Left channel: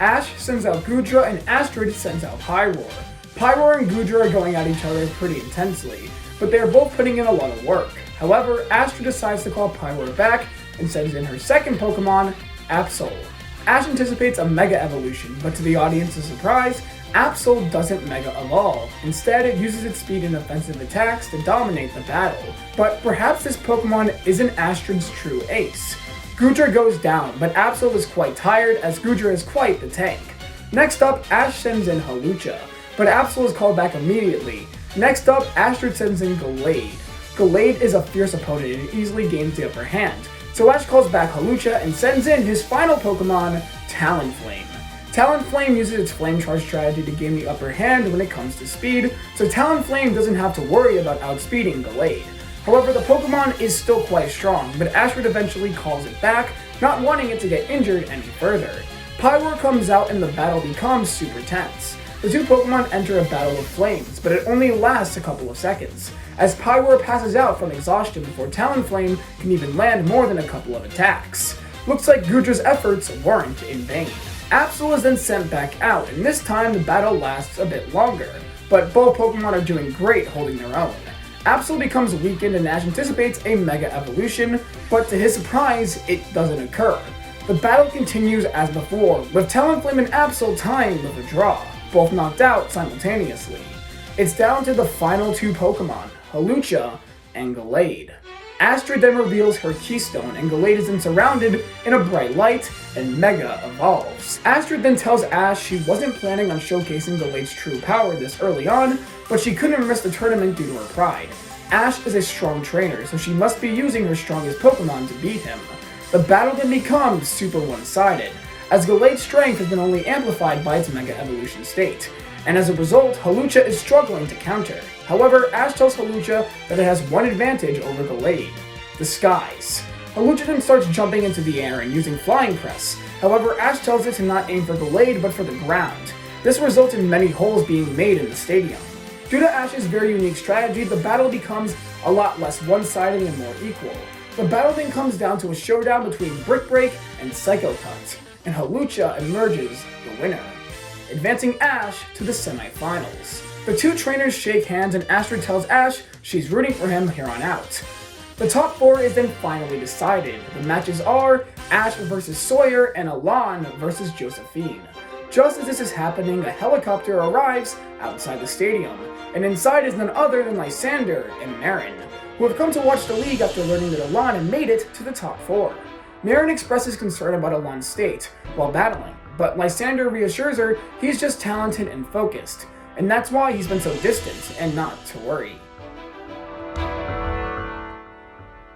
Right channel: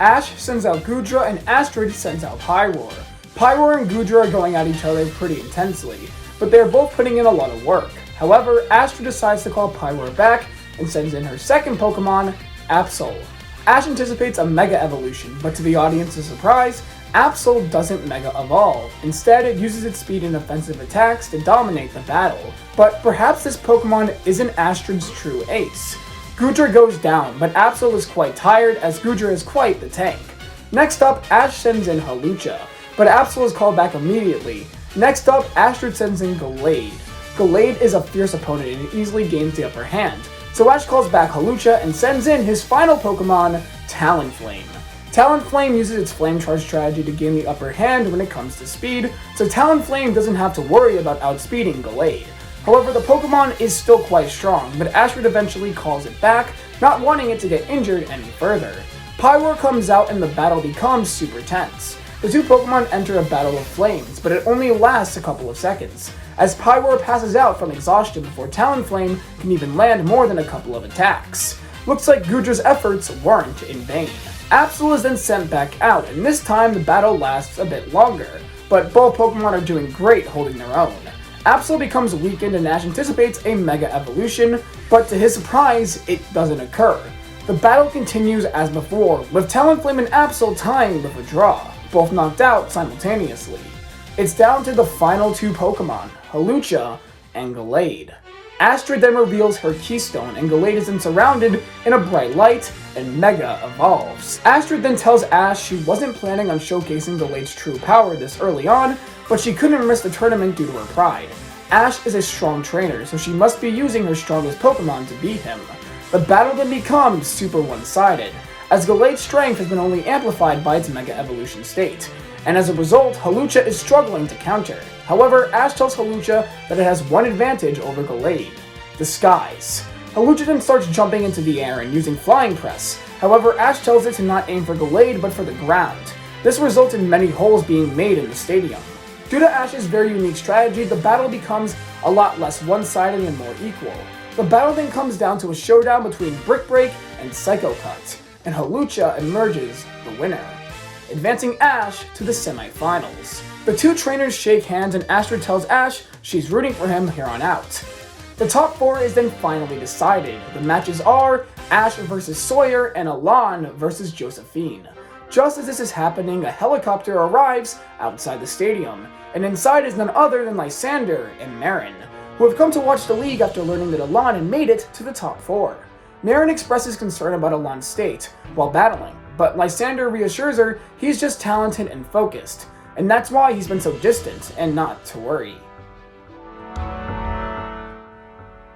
Ash sends out Goodra and Astrid sends out Pyroar. Pyroar and Goodra are going at each other pretty intensely, but they're both putting in a lot of work. However, Astrid decides to call Pyroar back and sends in her second Pokemon, Absol. Ash anticipates a Mega Evolution, but to the audience's surprise, Absol doesn't Mega Evolve. Instead, it uses its speed and offensive attacks to dominate the battle. But perhaps this Pokemon isn't Astrid's true ace. Goodra goes down, but Absol is quite tired as Goodra is quite the tank. Next up, Ash sends in Hawlucha, but Absol is called back immediately. Next up, Astrid sends in Gallade. Gallade is a fierce opponent and easily gains the upper hand, so Ash calls back Hawlucha and sends in his final Pokemon, Talonflame. Talonflame uses its Flame Charge strategy to gain the upper hand when it comes to speed, so Talonflame doesn't have to worry about outspeeding Gallade. However, the Pokemon is still quite strong, but Astrid eventually calls it back, not wanting it to get injured any further. Pyroar comes out and the battle becomes super tense. The two Pokemon enter a battle of flames, but it only lasts a couple of seconds, as Pyroar passes out from exhaustion before Talonflame can even land more than a couple of attacks. Looks like Goodra's efforts weren't in vain. Absol is then sent back out, and this time the battle lasts a bit longer, but both Pokemon are doing great holding their own. Absol becomes weakened and Ash anticipates a Mega Evolution, but to his surprise, it doesn't occur. The battle continues as before, with Talonflame and Absol tying with a draw, both knocked out simultaneously. It's down to the final two Pokemon, Hawlucha and Gallade. Astrid then reveals her Keystone, and Gallade is then surrounded in a bright light and Mega Evolves. Astrid then tells Ash she wasn't planning on showcasing Gallade's true power this early on, but she couldn't miss the tournament due to her pride. Ash is a strong trainer, so she must be using her strongest Pokemon to beat him. The battle then becomes super one-sided, as Gallade's strength has been only amplified by its Mega Evolution state, and as a result, Hawlucha is struggling to counter. However, Ash tells Hawlucha that it has one advantage over Gallade: Disguise. Hawlucha then starts jumping into the air and using Flying Press. However, Ash tells it to not aim for Gallade but for the ground. This results in many holes being made in the stadium. Due to Ash's very unique strategy, the battle becomes a lot less one-sided and more equal. The battle then comes down to a showdown between Brick Break and Psycho Cut, and Hawlucha emerges the winner, advancing Ash to the semifinals. The two trainers shake hands and Astrid tells Ash she's rooting for him here on out. The top four is then finally decided. The matches are Ash versus Sawyer and Alain versus Josephine. Just as this is happening, a helicopter arrives outside the stadium, and inside is none other than Lysandre and Marin, who have come to watch the league after learning that Alain had made it to the top four. Marin expresses concern about Alain's state while battling, but Lysandre reassures her he's just talented and focused, and that's why he's been so distant and not to worry.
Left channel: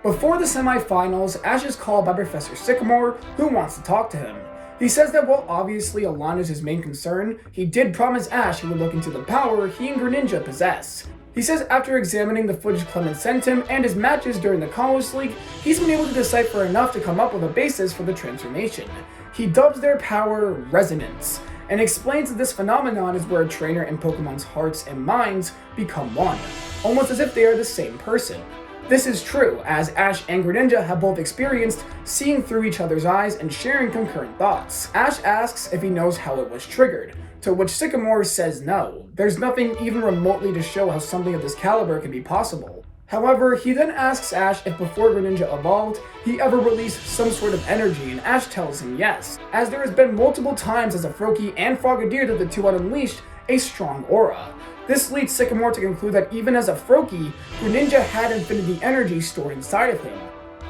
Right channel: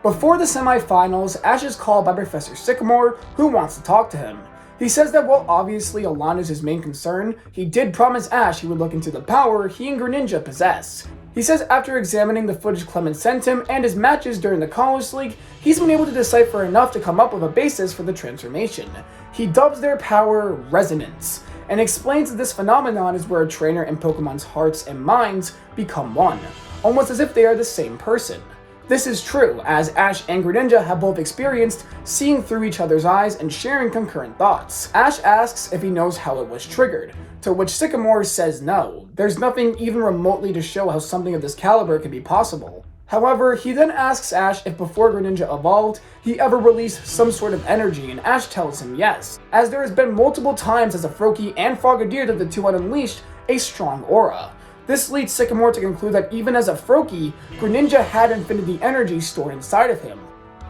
Before the semifinals, Ash is called by Professor Sycamore, who wants to talk to him. He says that while obviously Alain is his main concern, he did promise Ash he would look into the power he and Greninja possess. He says after examining the footage Clement sent him and his matches during the Kalos League, he's been able to decipher enough to come up with a basis for the transformation. He dubs their power Resonance, and explains that this phenomenon is where a trainer and Pokemon's hearts and minds become one, almost as if they are the same person. This is true, as Ash and Greninja have both experienced seeing through each other's eyes and sharing concurrent thoughts. Ash asks if he knows how it was triggered, to which Sycamore says no. There's nothing even remotely to show how something of this caliber could be possible. However, he then asks Ash if before Greninja evolved, he ever released some sort of energy, and Ash tells him yes, as there has been multiple times as a Froakie and Frogadier that the two had unleashed a strong aura. This leads Sycamore to conclude that even as a Froakie, Greninja had infinity energy stored inside of him.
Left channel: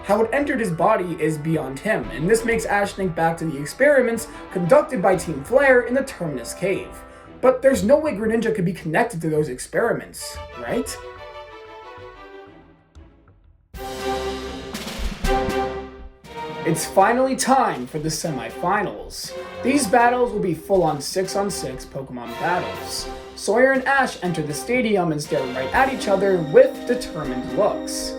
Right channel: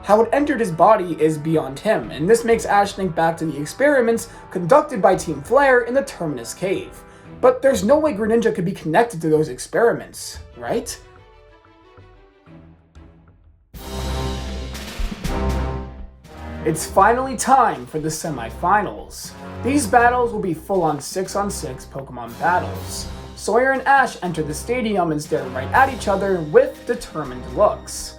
How it entered his body is beyond him, and this makes Ash think back to the experiments conducted by Team Flare in the Terminus Cave. But there's no way Greninja could be connected to those experiments, right? It's finally time for the semifinals. These battles will be full-on 6-on-6 Pokemon battles. Sawyer and Ash enter the stadium and stare right at each other with determined looks.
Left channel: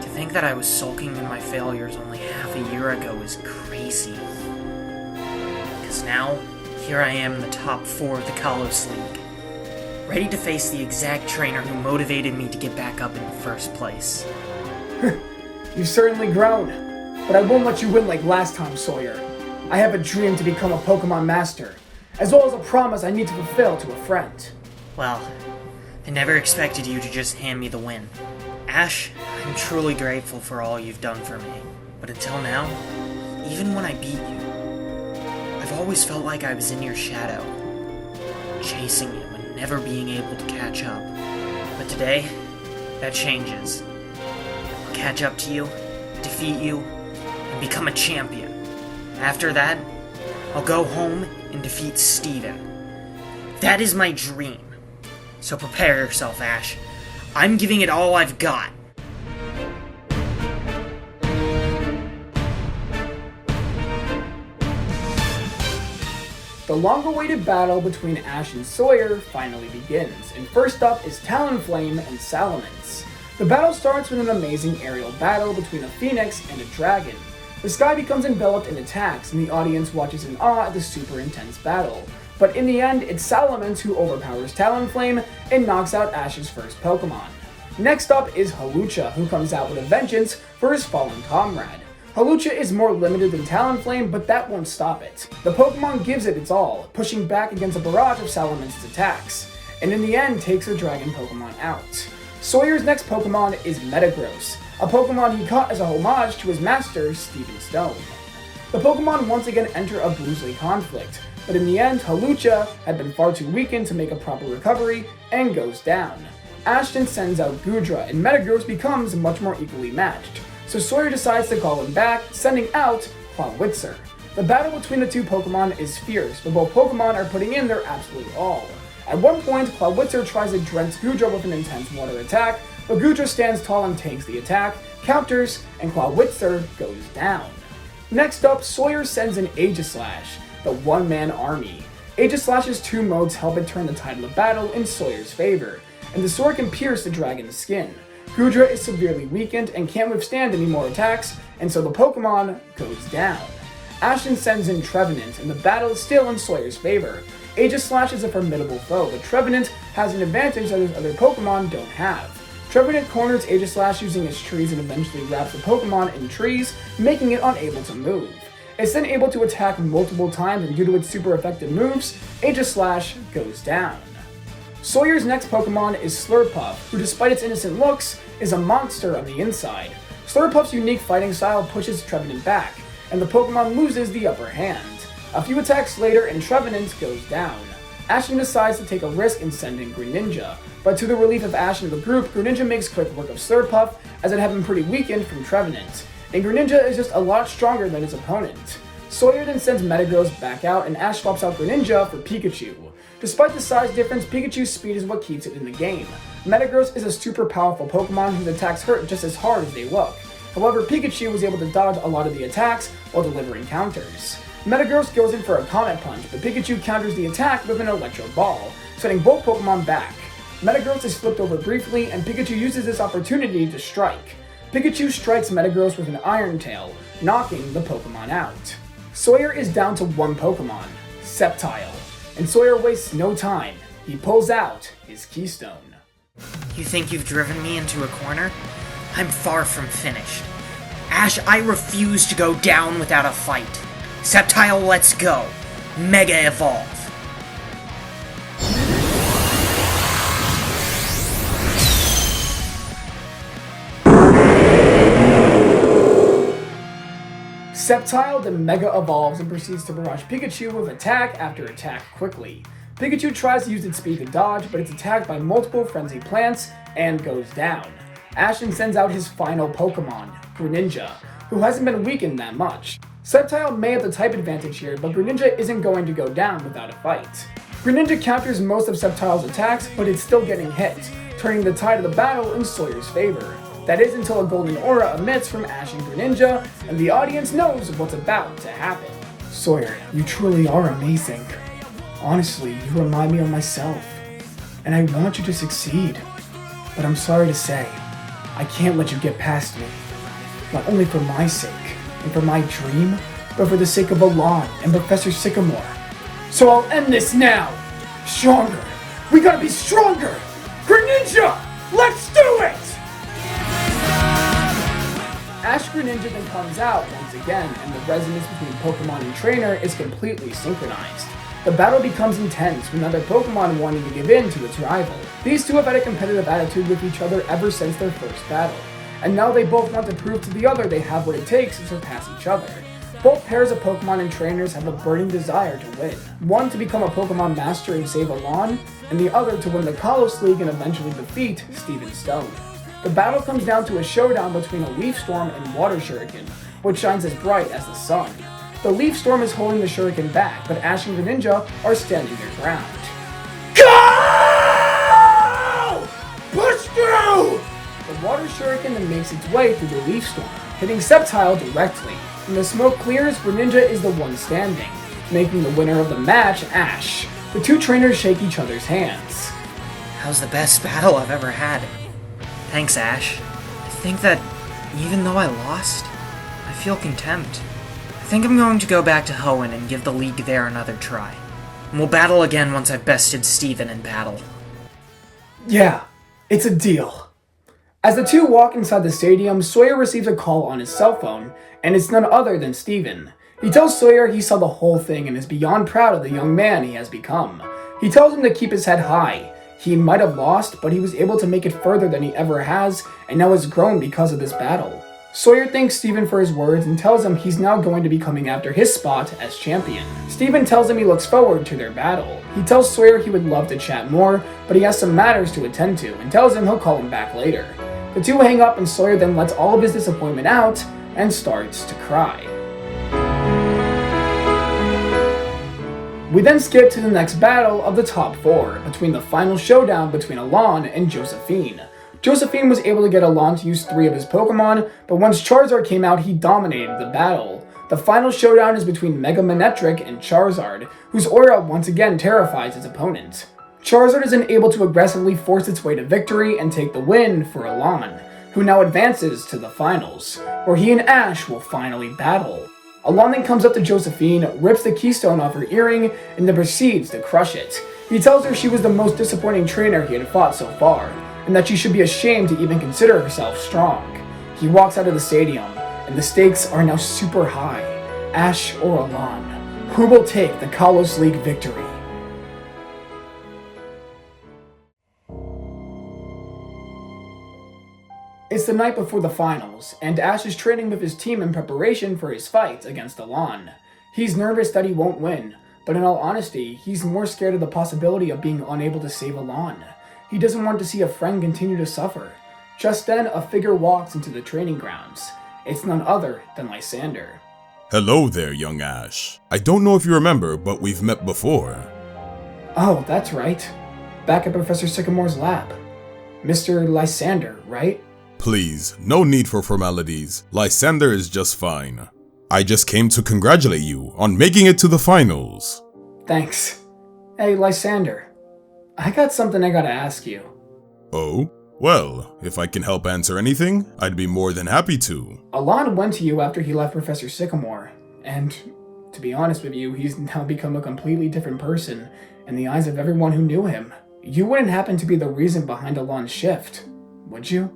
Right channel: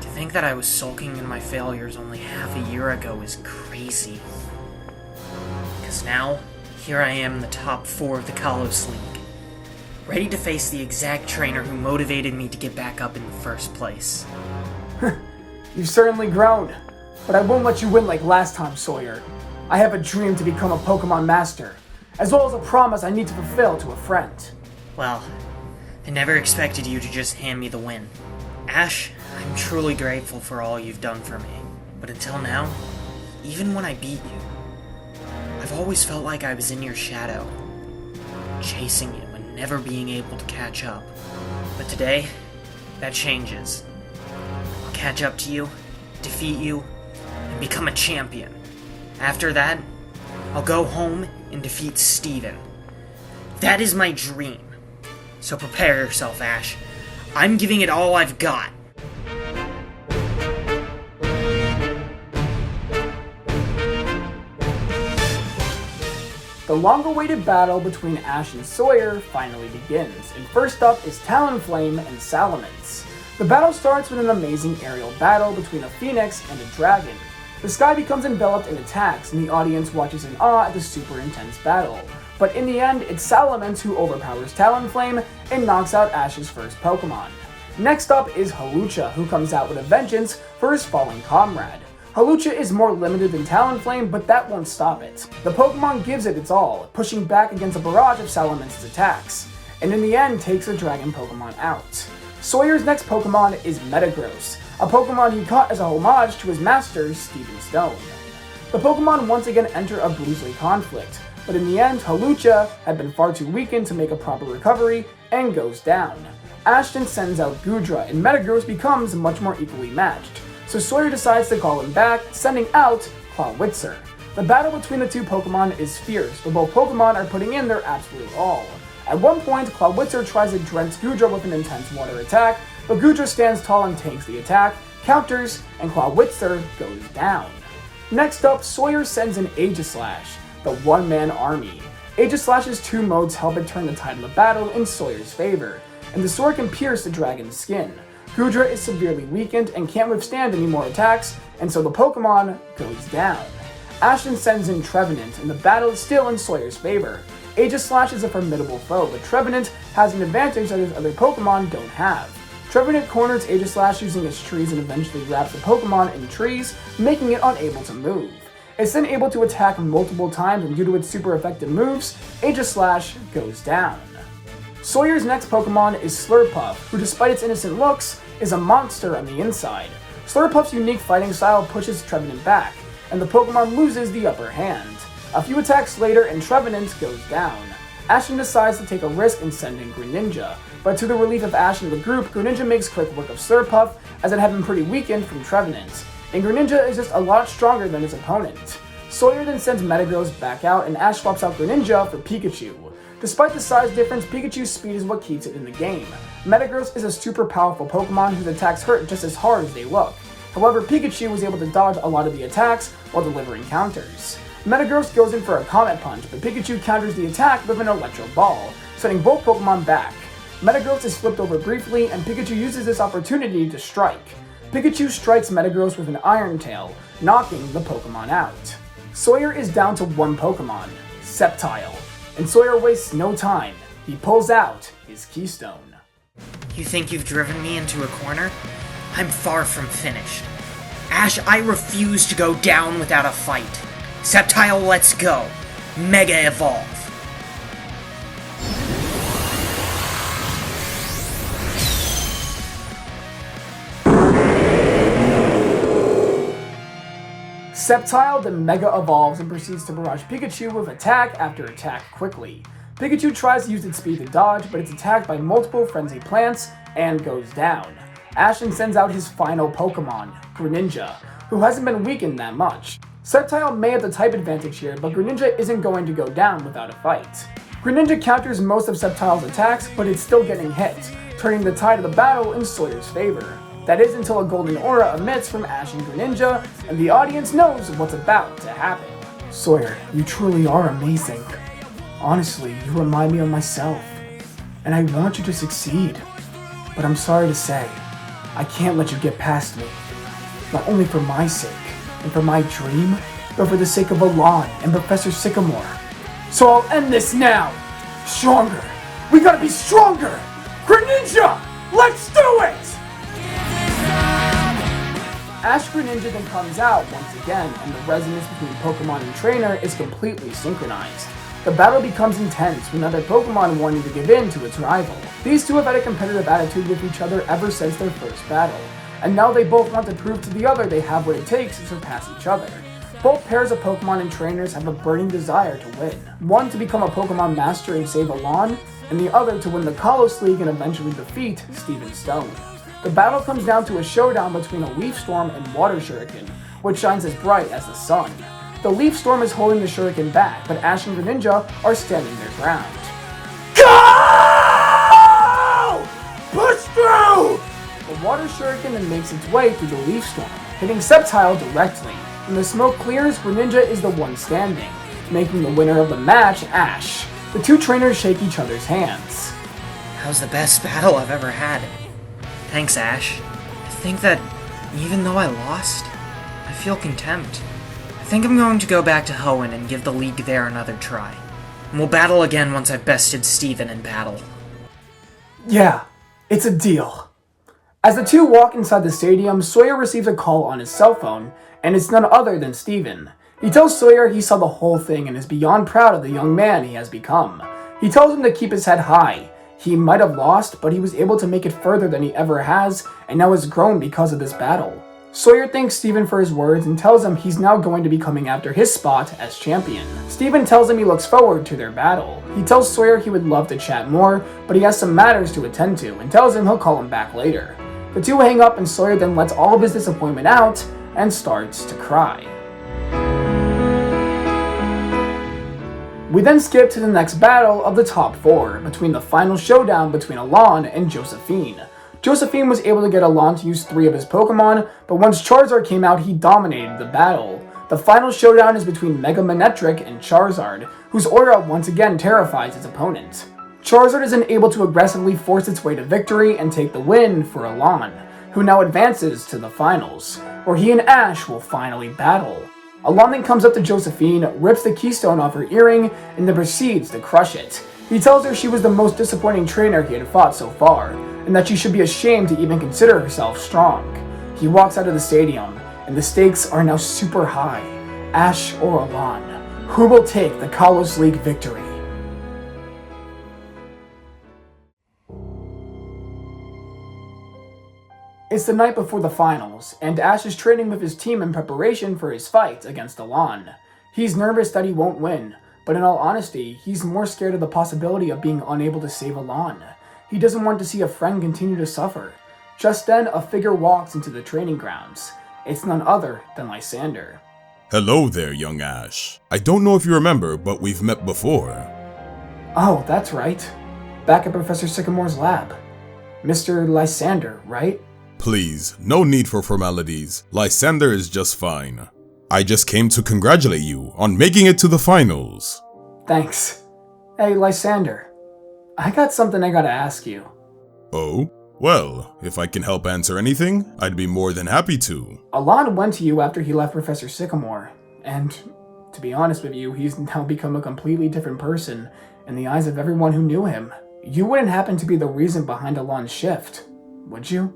To think that I was sulking in my failures only half a year ago is crazy. Because now, here I am in the top 4 of the Kalos League, ready to face the exact trainer who motivated me to get back up in the first place. You've certainly grown, but I won't let you win like last time, Sawyer. I have a dream to become a Pokemon Master, as well as a promise I need to fulfill to a friend. Well, I never expected you to just hand me the win. Ash, I'm truly grateful for all you've done for me. But until now, even when I beat you, I've always felt like I was in your shadow, chasing you and never being able to catch up. But today, that changes. I'll catch up to you, defeat you, and become a champion. After that, I'll go home and defeat Steven. That is my dream. So prepare yourself, Ash. I'm giving it all I've got. The long-awaited battle between Ash and Sawyer finally begins, and first up is Talonflame and Salamence. The battle starts with an amazing aerial battle between a phoenix and a dragon. The sky becomes enveloped in attacks, and the audience watches in awe at the super intense battle. But in the end, it's Salamence who overpowers Talonflame and knocks out Ash's first Pokemon. Next up is Hawlucha, who comes out with a vengeance for his fallen comrade. Hawlucha is more limited than Talonflame, but that won't stop it. The Pokemon gives it its all, pushing back against a barrage of Salamence's attacks, and in the end takes the dragon Pokemon out. Sawyer's next Pokemon is Metagross, a Pokemon he caught as a homage to his master, Steven Stone. The Pokemon once again enter a Bruisley conflict, but in the end, Hawlucha had been far too weakened to make a proper recovery and goes down. Ashton sends out Goodra, and Metagross becomes much more equally matched. So Sawyer decides to call him back, sending out Clawitzer. The battle between the two Pokemon is fierce, but both Pokemon are putting in their absolute all. At one point, Clawitzer tries to drench Goodra with an intense water attack, but Goodra stands tall and tanks the attack, counters, and Clawitzer goes down. Next up, Sawyer sends in Aegislash, the one-man army. Aegislash's two modes help it turn the tide of the battle in Sawyer's favor, and the sword can pierce the dragon's skin. Goodra is severely weakened and can't withstand any more attacks, and so the Pokemon goes down. Ashton sends in Trevenant, and the battle is still in Sawyer's favor. Aegislash is a formidable foe, but Trevenant has an advantage that his other Pokemon don't have. Trevenant corners Aegislash using its trees and eventually wraps the Pokemon in trees, making it unable to move. It's then able to attack multiple times, and due to its super effective moves, Aegislash goes down. Sawyer's next Pokemon is Slurpuff, who despite its innocent looks, is a monster on the inside. Slurpuff's unique fighting style pushes Trevenant back, and the Pokemon loses the upper hand. A few attacks later and Trevenant goes down. Ashton decides to take a risk and send in Greninja, but to the relief of Ash and the group, Greninja makes quick work of Slurpuff, as it had been pretty weakened from Trevenant, and Greninja is just a lot stronger than his opponent. Sawyer then sends Metagross back out, and Ash swaps out Greninja for Pikachu. Despite the size difference, Pikachu's speed is what keeps it in the game. Metagross is a super powerful Pokemon whose attacks hurt just as hard as they look. However, Pikachu was able to dodge a lot of the attacks while delivering counters. Metagross goes in for a Comet Punch, but Pikachu counters the attack with an Electro Ball, sending both Pokemon back. Metagross is flipped over briefly, and Pikachu uses this opportunity to strike. Pikachu strikes Metagross with an Iron Tail, knocking the Pokemon out. Sawyer is down to one Pokemon, Sceptile, and Sawyer wastes no time. He pulls out his Keystone. You think you've driven me into a corner? I'm far from finished. Ash, I refuse to go down without a fight. Sceptile, let's go. Mega Evolve. Sceptile then Mega Evolves and proceeds to barrage Pikachu with attack after attack quickly. Pikachu tries to use its speed to dodge, but it's attacked by multiple frenzy plants and goes down. Ashton sends out his final Pokemon, Greninja, who hasn't been weakened that much. Sceptile may have the type advantage here, but Greninja isn't going to go down without a fight. Greninja counters most of Sceptile's attacks, but it's still getting hit, turning the tide of the battle in Sawyer's favor. That is until a golden aura emits from Ash and Greninja, and the audience knows what's about to happen. Sawyer, you truly are amazing. Honestly, you remind me of myself, and I want you to succeed. But I'm sorry to say, I can't let you get past me. Not only for my sake, and for my dream, but for the sake of Alain and Professor Sycamore. So I'll end this now! Stronger! We gotta be stronger! Greninja! Let's do it! Ash Greninja then comes out once again, and the resonance between Pokemon and trainer is completely synchronized. The battle becomes intense with neither Pokemon wanting to give in to its rival. These two have had a competitive attitude with each other ever since their first battle, and now they both want to prove to the other they have what it takes to surpass each other. Both pairs of Pokemon and trainers have a burning desire to win. One to become a Pokemon master and save Alain, and the other to win the Kalos League and eventually defeat Steven Stone. The battle comes down to a showdown between a Leaf Storm and Water Shuriken, which shines as bright as the sun. The Leaf Storm is holding the Shuriken back, but Ash and Greninja are standing their ground. Go! Push through! The Water Shuriken then makes its way through the Leaf Storm, hitting Sceptile directly. When the smoke clears, Greninja is the one standing, making the winner of the match Ash. The two trainers shake each other's hands. That was the best battle I've ever had. Thanks, Ash. I think that even though I lost, I feel contempt. I think I'm going to go back to Hoenn and give the league there another try. And we'll battle again once I've bested Steven in battle. Yeah, it's a deal. As the two walk inside the stadium, Sawyer receives a call on his cell phone, and it's none other than Steven. He tells Sawyer he saw the whole thing and is beyond proud of the young man he has become. He tells him to keep his head high. He might have lost, but he was able to make it further than he ever has, and now has grown because of this battle. Sawyer thanks Steven for his words and tells him he's now going to be coming after his spot as champion. Steven tells him he looks forward to their battle. He tells Sawyer he would love to chat more, but he has some matters to attend to, and tells him he'll call him back later. The two hang up and Sawyer then lets all of his disappointment out and starts to cry. We then skip to the next battle of the top 4, between the final showdown between Alain and Josephine. Josephine was able to get Alain to use 3 of his Pokemon, but once Charizard came out, he dominated the battle. The final showdown is between Mega Manectric and Charizard, whose aura once again terrifies its opponent. Charizard is then able to aggressively force its way to victory and take the win for Alain, who now advances to the finals, where he and Ash will finally battle. Alain then comes up to Josephine, rips the keystone off her earring, and then proceeds to crush it. He tells her she was the most disappointing trainer he had fought so far, and that she should be ashamed to even consider herself strong. He walks out of the stadium, and the stakes are now super high. Ash or Alain, who will take the Kalos League victory? It's the night before the finals, and Ash is training with his team in preparation for his fight against Alain. He's nervous that he won't win, but in all honesty, he's more scared of the possibility of being unable to save Alain. He doesn't want to see a friend continue to suffer. Just then, a figure walks into the training grounds. It's none other than Lysandre. Hello there, young Ash. I don't know if you remember, but we've met before. Oh, that's right. Back at Professor Sycamore's lab. Mr. Lysandre, right? Please, no need for formalities. Lysandre is just fine. I just came to congratulate you on making it to the finals. Thanks. Hey, Lysandre. I got something I gotta ask you. Oh? Well, if I can help answer anything, I'd be more than happy to. Alain went to you after he left Professor Sycamore, and to be honest with you, he's now become a completely different person in the eyes of everyone who knew him. You wouldn't happen to be the reason behind Alain's shift, would you?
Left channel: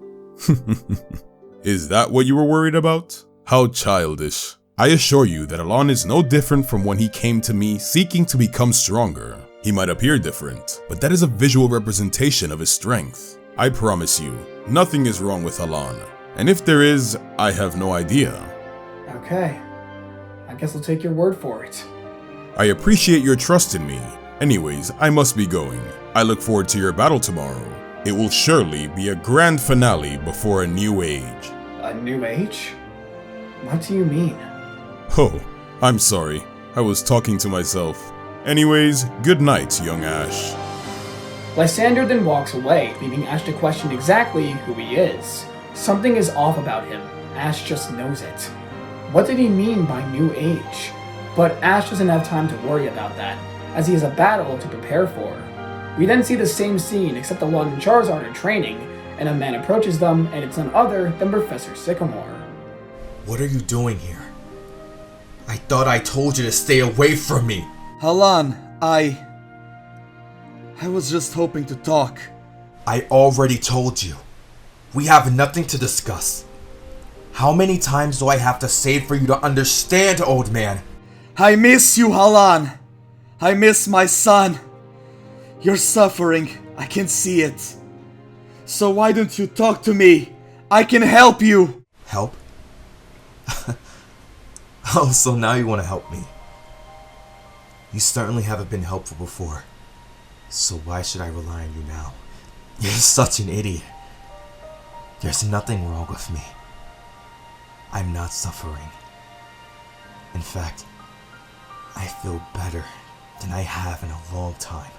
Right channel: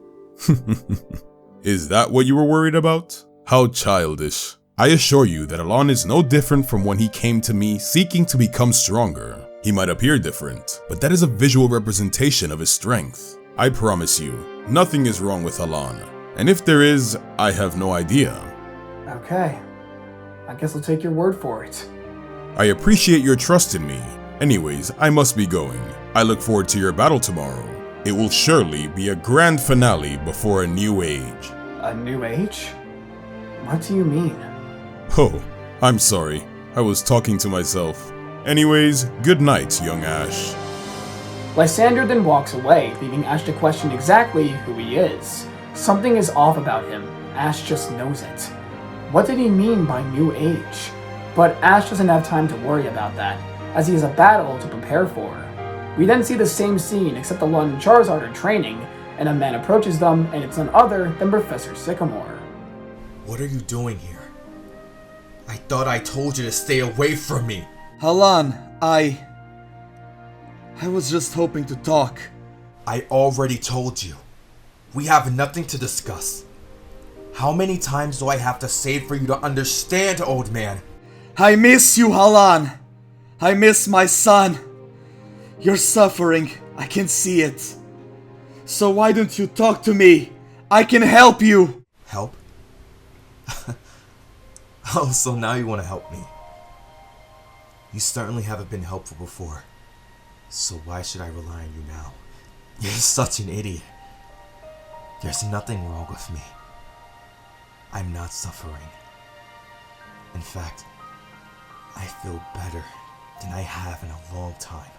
Is that what you were worried about? How childish. I assure you that Alain is no different from when he came to me seeking to become stronger. He might appear different, but that is a visual representation of his strength. I promise you, nothing is wrong with Alain. And if there is, I have no idea. Okay. I guess I'll take your word for it. I appreciate your trust in me. Anyways, I must be going. I look forward to your battle tomorrow. It will surely be a grand finale before a new age. A new age? What do you mean? Oh, I'm sorry. I was talking to myself. Anyways, good night, young Ash. Lysandre then walks away, leaving Ash to question exactly who he is. Something is off about him. Ash just knows it. What did he mean by new age? But Ash doesn't have time to worry about that, as he has a battle to prepare for. We then see the same scene, except Alain and Charizard are training, and a man approaches them, and it's none other than Professor Sycamore. What are you doing here? I thought I told you to stay away from me. Alain, I was just hoping to talk. I already told you. We have nothing to discuss. How many times do I have to say it for you to understand, old man? I miss you, Alain. I miss my son. You're suffering. I can see it. So why don't you talk to me? I can help you. Help? Oh, so now you want to help me. You certainly haven't been helpful before. So why should I rely on you now? You're such an idiot. There's nothing wrong with me. I'm not suffering. In fact, I feel better than I have in a long time.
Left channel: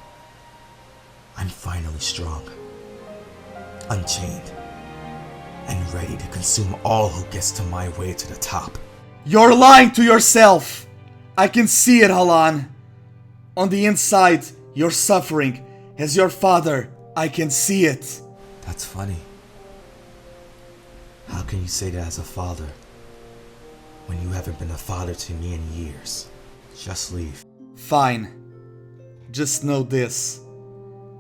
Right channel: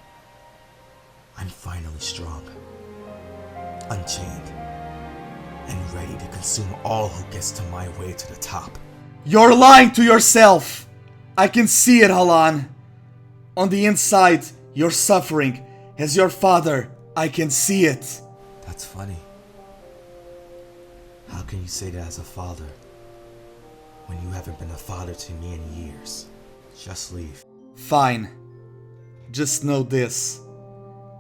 I'm finally strong, unchained, and ready to consume all who gets to my way to the top. You're lying to yourself. I can see it, Alain. On the inside, you're suffering. As your father, I can see it. That's funny. How can you say that as a father when you haven't been a father to me in years? Just leave. Fine. Just know this.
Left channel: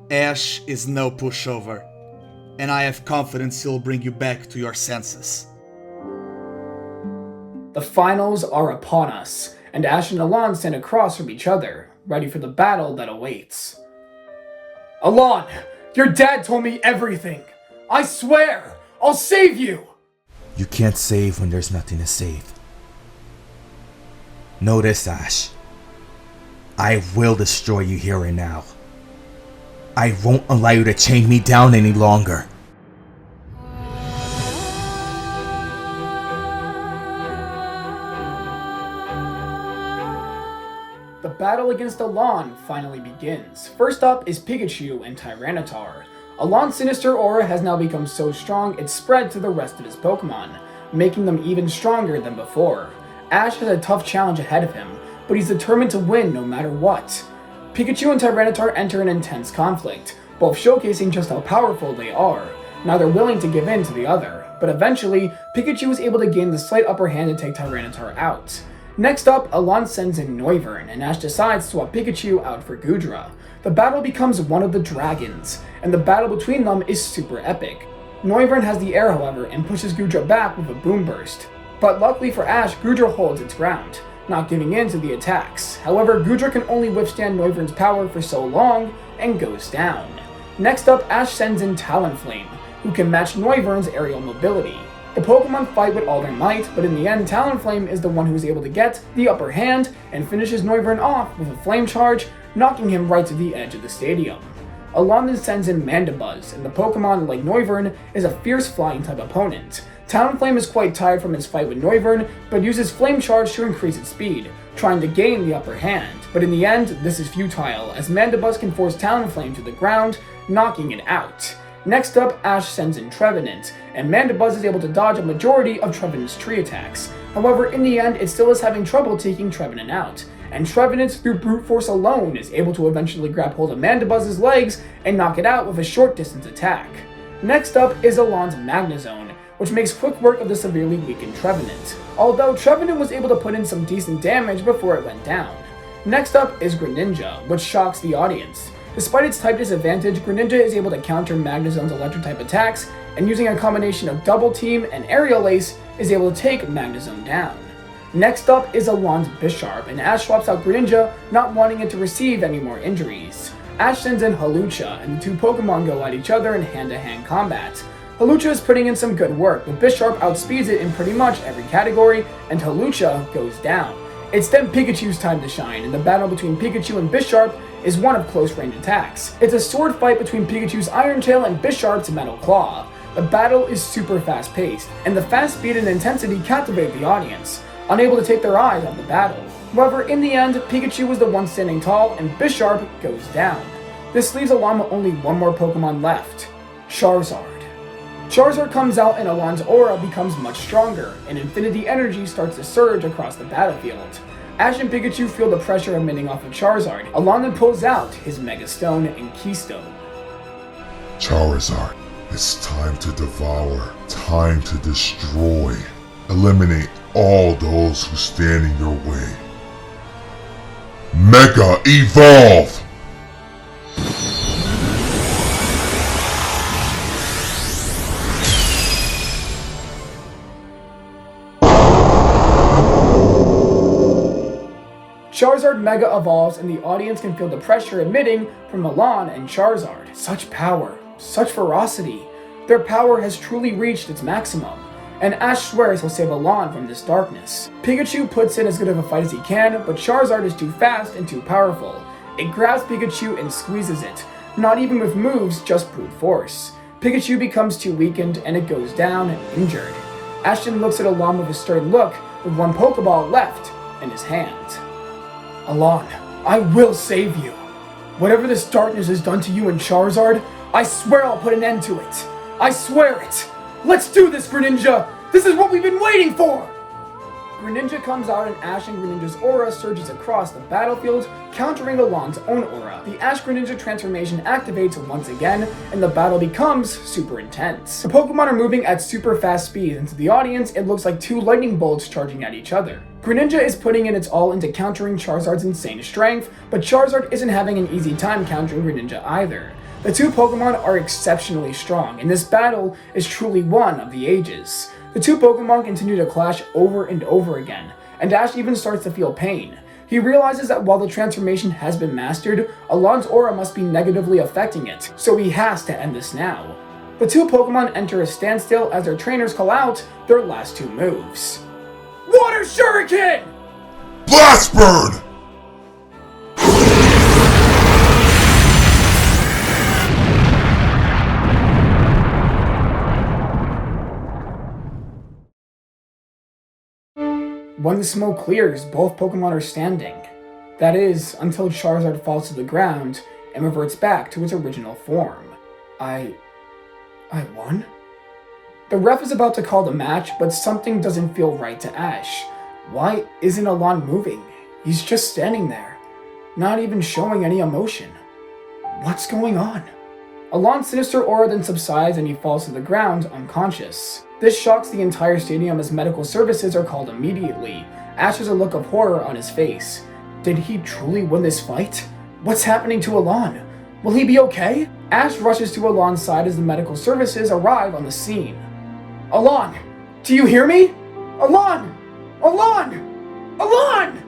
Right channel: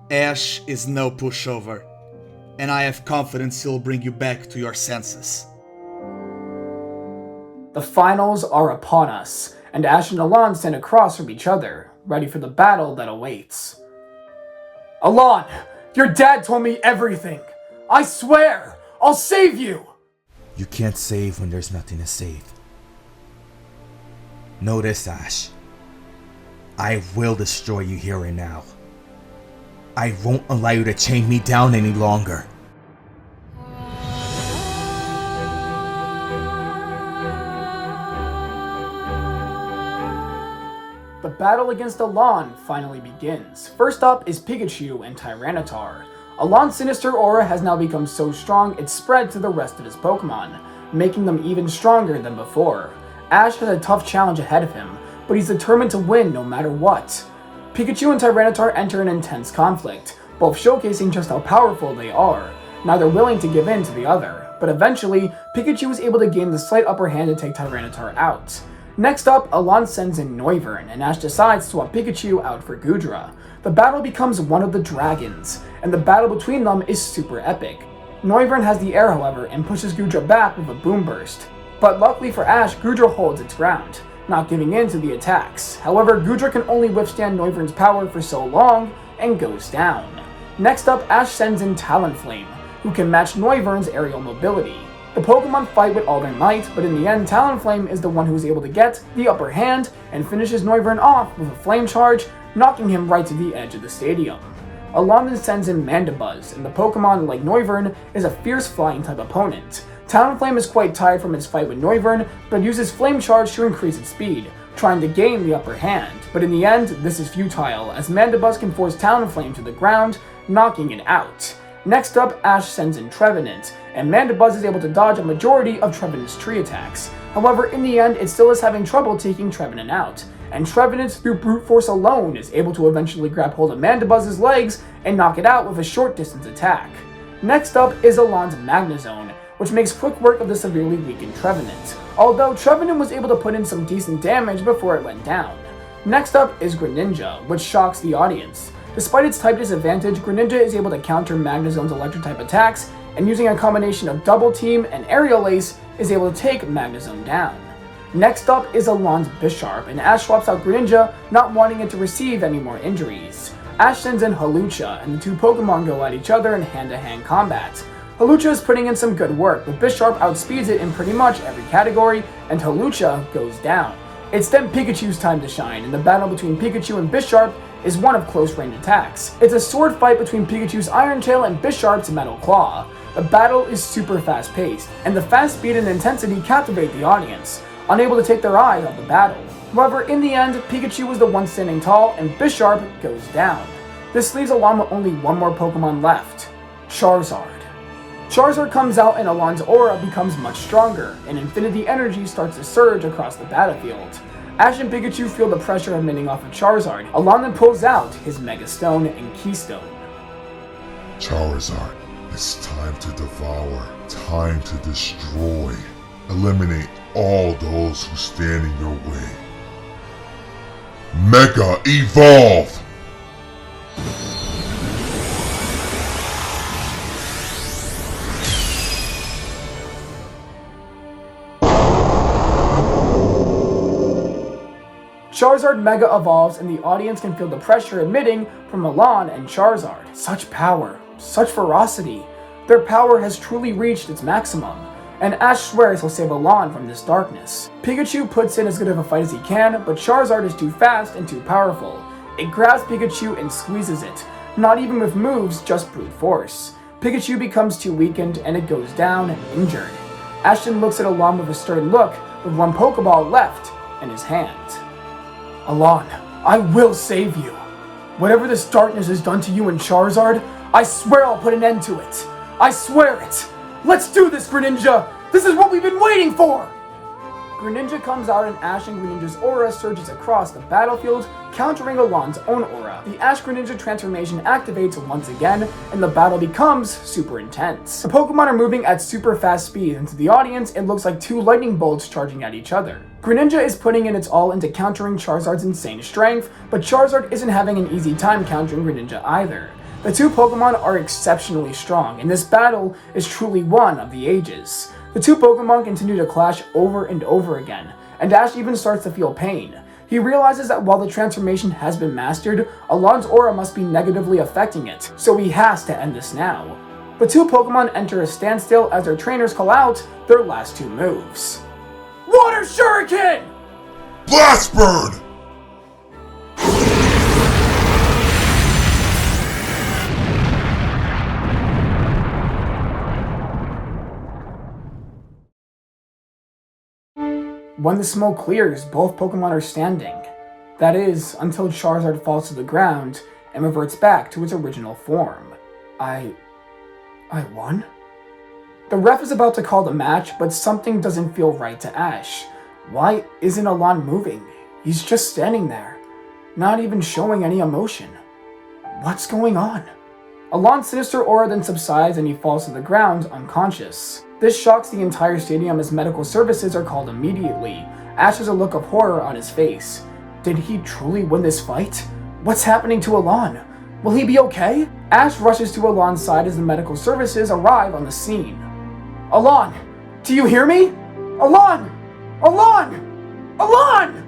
Ash is no pushover, and I have confidence he'll bring you back to your senses. The finals are upon us, and Ash and Alain stand across from each other, ready for the battle that awaits. Alain, your dad told me everything. I swear, I'll save you! You can't save when there's nothing to save. Know this, Ash. I will destroy you here and now. I won't allow you to chain me down any longer. The battle against Alain finally begins. First up is Pikachu and Tyranitar. Alain's sinister aura has now become so strong it's spread to the rest of his Pokemon, making them even stronger than before. Ash has a tough challenge ahead of him, but he's determined to win no matter what. Pikachu and Tyranitar enter an intense conflict, both showcasing just how powerful they are, neither willing to give in to the other, but eventually, Pikachu is able to gain the slight upper hand to take Tyranitar out. Next up, Alain sends in Noivern, and Ash decides to swap Pikachu out for Goodra. The battle becomes one of the dragons, and the battle between them is super epic. Noivern has the air, however, and pushes Goodra back with a Boom Burst. But luckily for Ash, Goodra holds its ground, not giving in to the attacks. However, Goodra can only withstand Noivern's power for so long, and goes down. Next up, Ash sends in Talonflame, who can match Noivern's aerial mobility. The Pokemon fight with all their might, but in the end, Talonflame is the one who is able to get the upper hand and finishes Noivern off with a Flame Charge, knocking him right to the edge of the stadium. Alain sends in Mandibuzz, and the Pokemon, like Noivern, is a fierce flying type opponent. Talonflame is quite tired from its fight with Noivern, but uses Flame Charge to increase its speed, trying to gain the upper hand. But in the end, this is futile, as Mandibuzz can force Talonflame to the ground, knocking it out. Next up, Ash sends in Trevenant, and Mandibuzz is able to dodge a majority of Trevenant's tree attacks. However, in the end, it still is having trouble taking Trevenant out, and Trevenant, through brute force alone, is able to eventually grab hold of Mandibuzz's legs and knock it out with a short distance attack. Next up is Alain's Magnezone, which makes quick work of the severely weakened Trevenant, although Trevenant was able to put in some decent damage before it went down. Next up is Greninja, which shocks the audience. Despite its type disadvantage, Greninja is able to counter Magnezone's electric-type attacks, and using a combination of Double Team and Aerial Ace, is able to take Magnezone down. Next up is Alain's Bisharp, and Ash swaps out Greninja, not wanting it to receive any more injuries. Ash sends in Hawlucha, and the two Pokemon go at each other in hand-to-hand combat. Hawlucha is putting in some good work, but Bisharp outspeeds it in pretty much every category, and Hawlucha goes down. It's then Pikachu's time to shine, and the battle between Pikachu and Bisharp is one of close-range attacks. It's a sword fight between Pikachu's Iron Tail and Bisharp's Metal Claw. The battle is super fast-paced, and the fast speed and intensity captivate the audience, unable to take their eyes off the battle. However, in the end, Pikachu was the one standing tall, and Bisharp goes down. This leaves Alain with only one more Pokemon left, Charizard. Charizard comes out and Alain's aura becomes much stronger, and Infinity Energy starts to surge across the battlefield. Ash and Pikachu feel the pressure emanating off of Charizard. Alain then pulls out his Mega Stone and Keystone. Charizard, it's time to devour, time to destroy. Eliminate all those who stand in your way. Mega Evolve! Charizard Mega evolves and the audience can feel the pressure emitting from Alain and Charizard. Such power, such ferocity. Their power has truly reached its maximum, and Ash swears he'll save Alain from this darkness. Pikachu puts in as good of a fight as he can, but Charizard is too fast and too powerful. It grabs Pikachu and squeezes it, not even with moves, just brute force. Pikachu becomes too weakened and it goes down, injured. Ashton looks at Alain with a stern look, with one Pokeball left in his hand. Alain, I will save you. Whatever this darkness has done to you and Charizard, I swear I'll put an end to it. I swear it. Let's do this, Greninja! This is what we've been waiting for! Greninja comes out and Ash and Greninja's aura surges across the battlefield, countering Alain's own aura. The Ash Greninja transformation activates once again, and the battle becomes super intense. The Pokemon are moving at super fast speed, and to the audience, it looks like two lightning bolts charging at each other. Greninja is putting in its all into countering Charizard's insane strength, but Charizard isn't having an easy time countering Greninja either. The two Pokemon are exceptionally strong, and this battle is truly one of the ages. The two Pokemon continue to clash over and over again, and Ash even starts to feel pain. He realizes that while the transformation has been mastered, Alain's aura must be negatively affecting it, so he has to end this now. The two Pokemon enter a standstill as their trainers call out their last two moves. Water Shuriken! Blast Bird! When the smoke clears, both Pokemon are standing. That is, until Charizard falls to the ground and reverts back to its original form. I won? The ref is about to call the match, but something doesn't feel right to Ash. Why isn't Alain moving? He's just standing there, not even showing any emotion. What's going on? Alain's sinister aura then subsides and he falls to the ground unconscious. This shocks the entire stadium as medical services are called immediately. Ash has a look of horror on his face. Did he truly win this fight? What's happening to Alain? Will he be okay? Ash rushes to Alain's side as the medical services arrive on the scene. Alain! Do you hear me? Alain! Alain! Alain!